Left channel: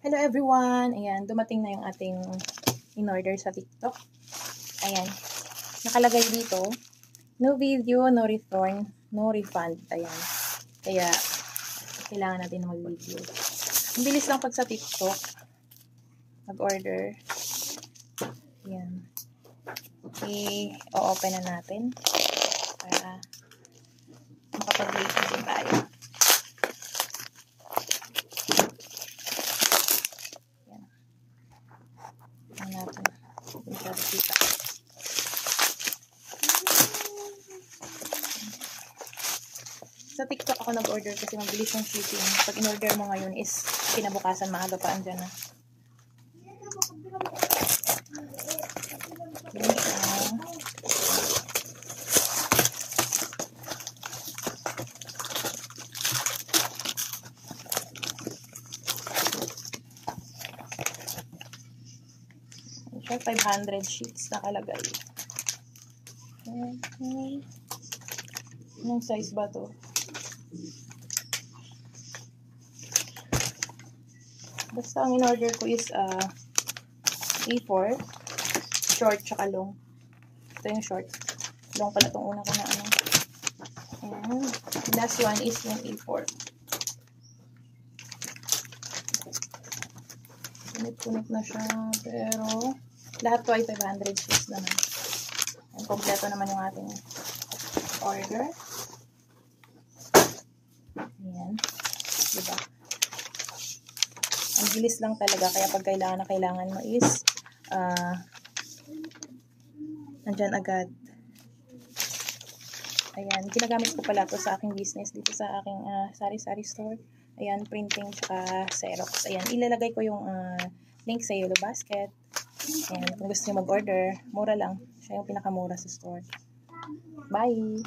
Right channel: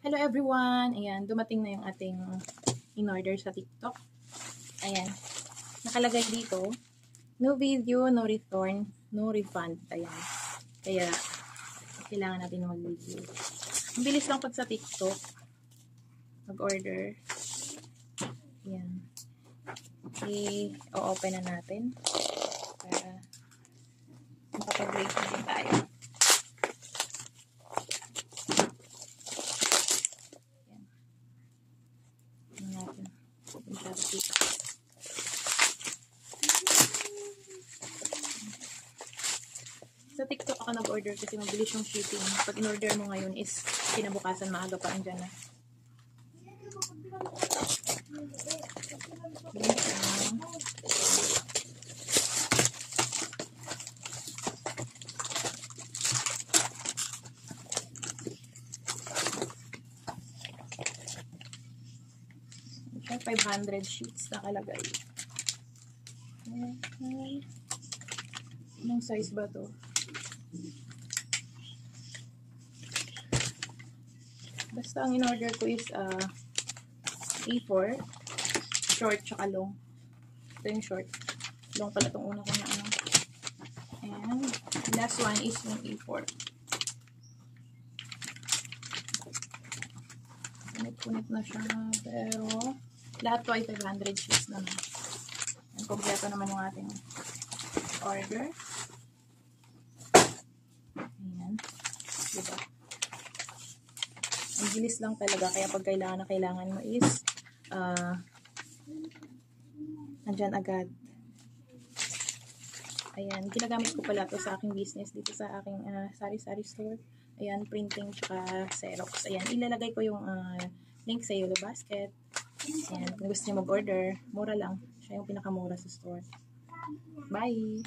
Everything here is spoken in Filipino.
Hello everyone! Ayan, dumating na yung ating in-order sa TikTok. Ayan, nakalagay dito, no video, no return, no refund. Ayan, kaya kailangan natin na mag-video. Ang bilis lang pag sa TikTok mag-order. Ayan, i-open na natin para makapag-rate din tayo. Sa TikTok ako nag-order kasi mabilis yung shipping. Pag in-order mo ngayon is kinabukasan maaga pa andyan na. Siya 500 sheets nakalagay. Okay. Anong size ba to? Basta ang in-order ko is A4, short tsaka long. Ito yung short. Long pala itong una ko na ano. And last one is yung A4. Punit-punit na siya, pero lahat to ay 500 sheets naman. And kompleto naman yung ating order. Ayan. Diba? Ang bilis lang talaga, kaya pag kailangan mo is nandyan agad. Ayan, ginagamit ko pala to sa aking business dito sa aking sari-sari store. Ayan, printing tsaka Xerox. Ayan, ilalagay ko yung link sa Yellow Basket. Ayan, kung gusto niyo mag-order, mura lang. Siya yung pinakamura sa store. Bye!